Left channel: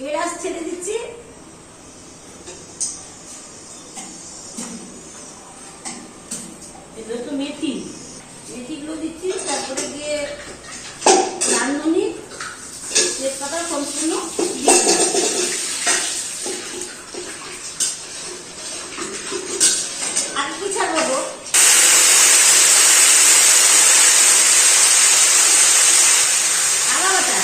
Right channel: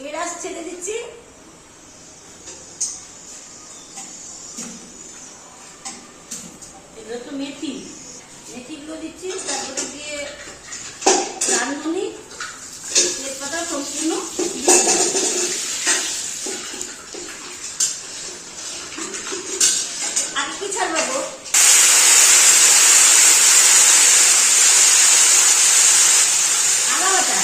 এলাচ ছেড়ে দিচ্ছি, এগুলো একটু মেথিগুলো দিচ্ছি, তারপরে দিয়ে রাঁধুনি তেজপাতা সম্পূর্ণ দিয়ে আর কি ছাড়বো আদা বাটা,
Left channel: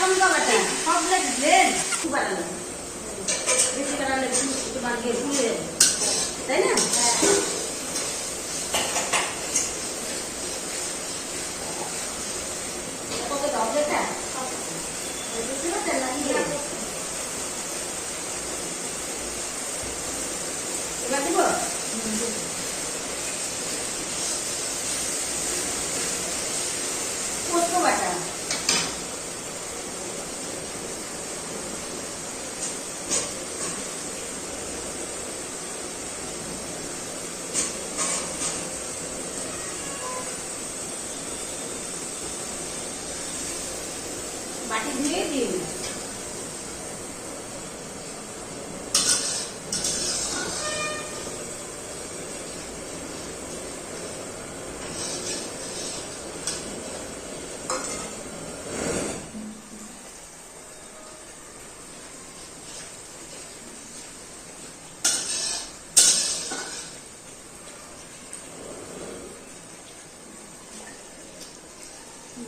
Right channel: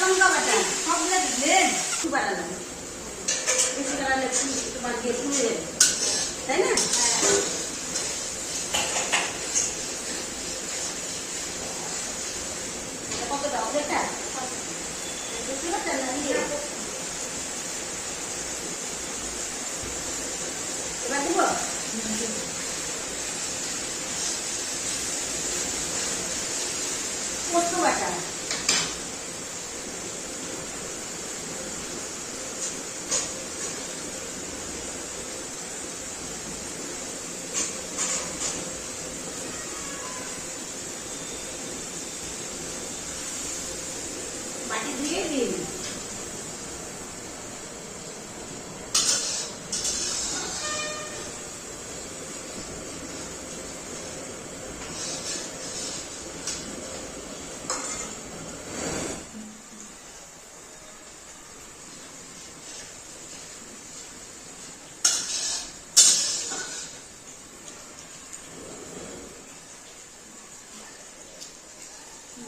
লঙ্কা বাটা সবগুলো দিলেন, একটু বাড়ালো একটু বাড়ালে একটু বাড়িয়ে তুলে দেবে, তাই না? কবে দাও দেখা এবার দেবো পোস্ত বাটা, বাটি ধুয়ে দিন,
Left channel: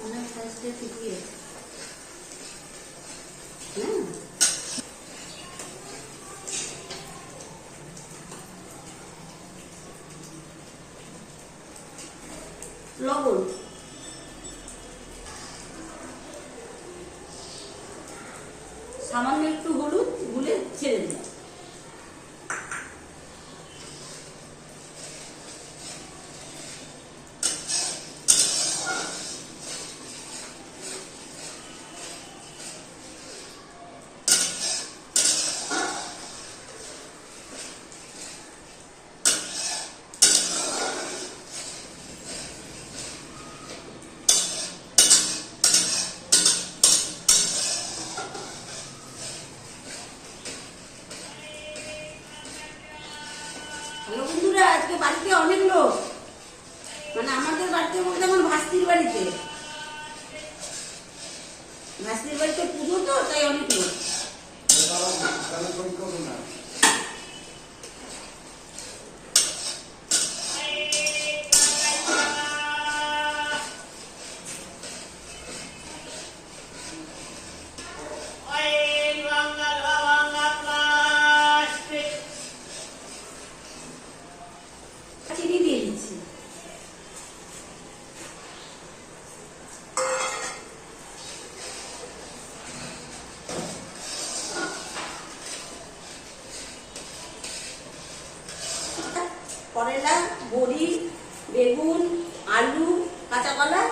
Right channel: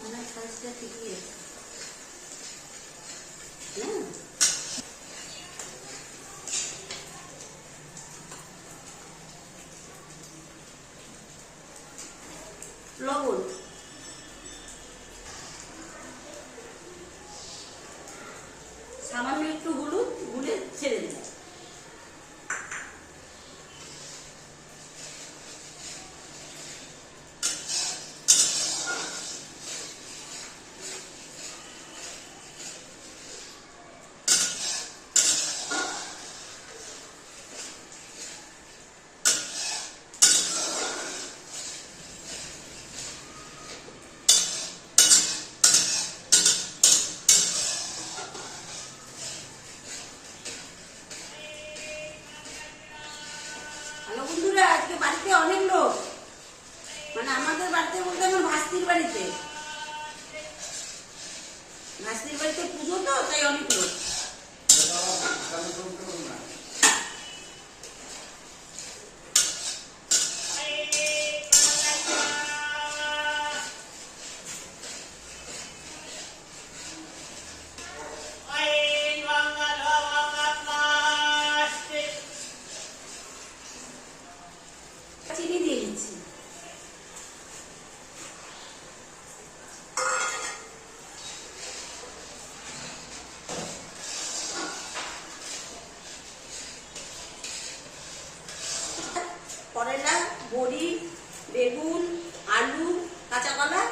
মনে সাইজটা ঠিকই লবণ, সামান্য একটু হলুদ গুলে ছেড়ে দিলাম, হ্যালো বন্ধুরা, আজকে বাড়িতে অনেক লোক, মানে আমাদের বাড়িতে বলতে আমার ভাস্তির বাড়িতে পুজো, তো তাই অনেক লোক। চিনি দিয়ে দিচ্ছি, করলা, বড়ি, বেগুন, আলু, কাঁচা কলা,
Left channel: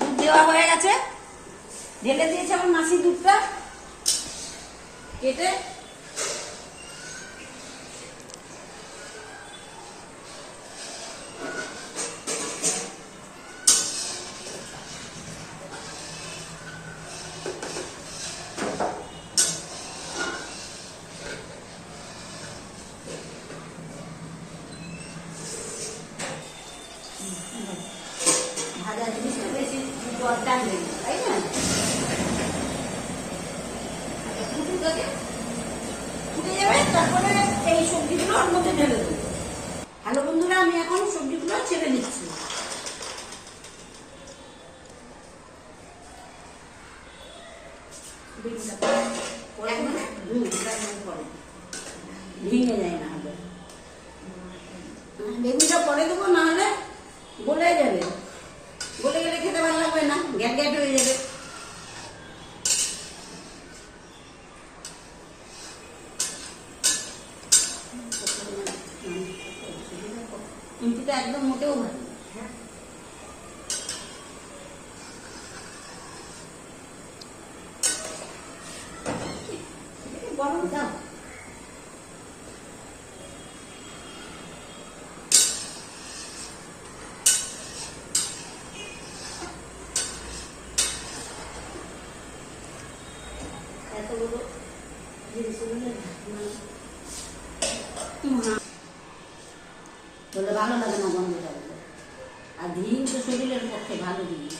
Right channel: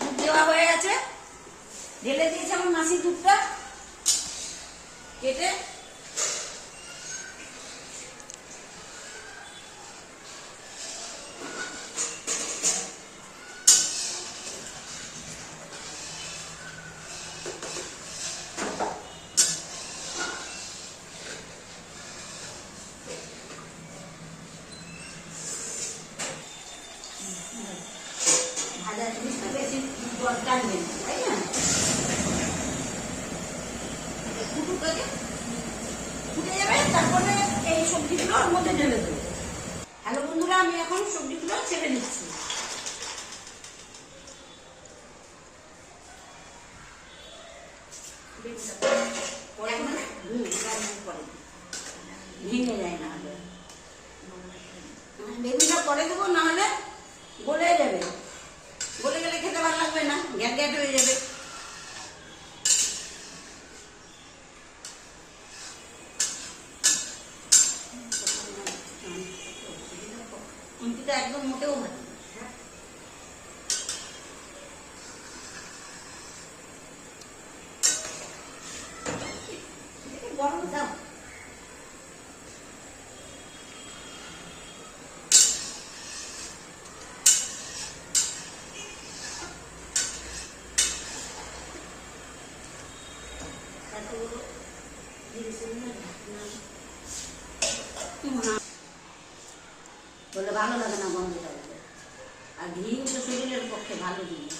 দুধ দেওয়া হয়ে গেছে, ঢেলে দিয়েছে আমার মাসির দুধটা কেটে, ভাজা জিনিসটা বেশি টানবে না, তাই না? দুটোটাকে এই সবজিগুলো ওর মধ্যে ঢেলে দেবো। হ্যালো বন্ধুরা, আমি এখন সবজিগুলো ছেড়ে দিচ্ছি। ভেঙে যায় না হলে, বেগুনটা পরে দেবো, না হলে গলে যাবে। গলে গেলে খেতে ভালো লাগবে না, গ্যাট গ্যাট হয়ে যাবে। কুঞ্চিটা একদম মোটেও ভালো না। গরম দাও। এতগুলো বলে ভালো লাগে না গন্ধটা বলে। আর ঘি তো শরীরের পক্ষে ভালো জিনিস।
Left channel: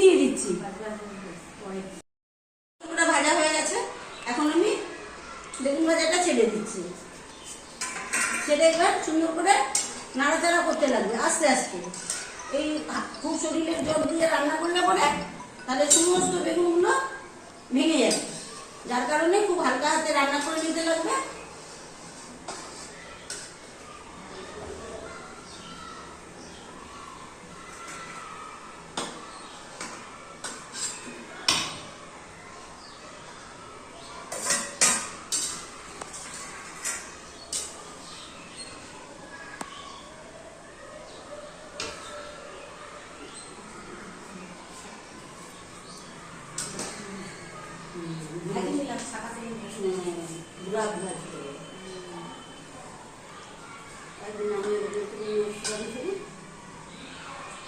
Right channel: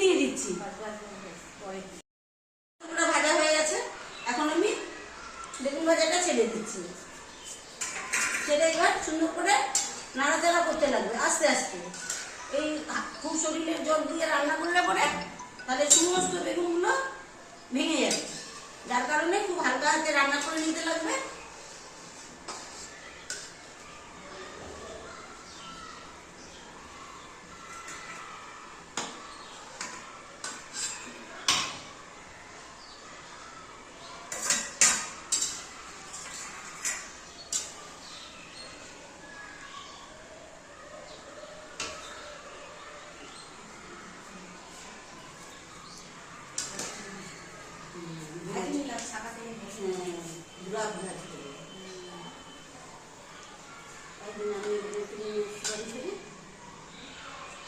দিয়ে দিচ্ছি। ভাজা হয়ে গেছে, এখন আমি বেগুন ভাজাটা ছেড়ে দিচ্ছি। ছেড়ে এবার সুন্দর করে নাড়াচাড়া করতে লাগবে আস্তে আস্তে। এই খুব শরীরের জল দিয়ে রান্না করলে পরে তাহলে সমস্ত বেগুনগুলো ভেঙে যাবে, যার কারণে খুব হালকা হাতে রান্না করে নিতে লাগবে।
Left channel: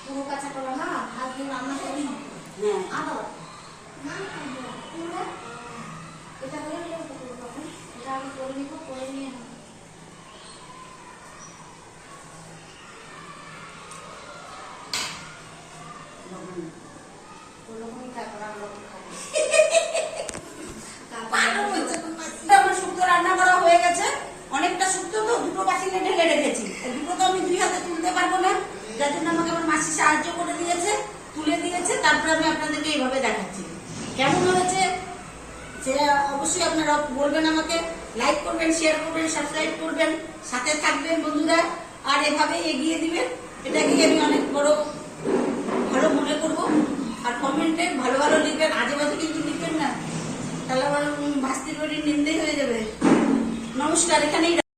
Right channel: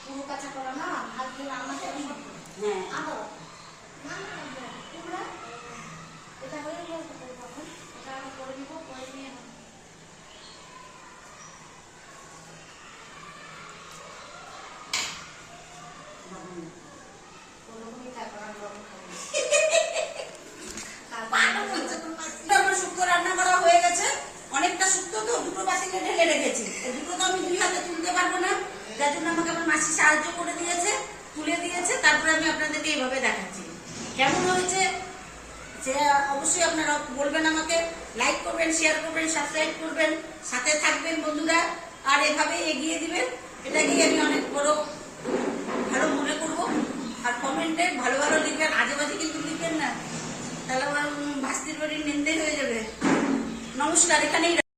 পুরো কাঁচা কলা না ভাত দিয়ে রান্না করি না। হ্যাঁ, আবার না পুরো এটা করে নিয়ে কখন এটা আমি করে নিব, করে নিয়ে ওরকমই তারপর আমরা খাবো। আমার শুক্তো রান্না করা হয়ে গেছে। অনেকটা শুক্তো তো দুটো বাটিতে ঢেলে রেখেছি। দুটো তো আমি দুই হাতে তুলতে পারবো না, যার জন্য আমাকে আমার মাসি সাহায্য করে দিয়েছে, তুলে দিয়েছে। তারপরে আমি আপনাদেরকে এইভাবে দেখাচ্ছি। কেমন হয়েছে সে অবশ্যই আপনারা বলবেন, আমাকে লাইক করবেন, শেয়ার করবেন, সাবস্ক্রাইব করবেন, সাথে থাকবেন বন্ধুরা, আর এভাবে এগিয়ে দিবেন। এটাকে আমি অনেক বড় ভালো মনে করবো। আর কমেন্টে ভালো ভালো লিখবেন, আজে বাজে কিন্তু লিখবেন না, তাহলে আমার ভাস্তির বাড়ির নিন্দে হয়ে যাবে। নমস্কার, এখানেই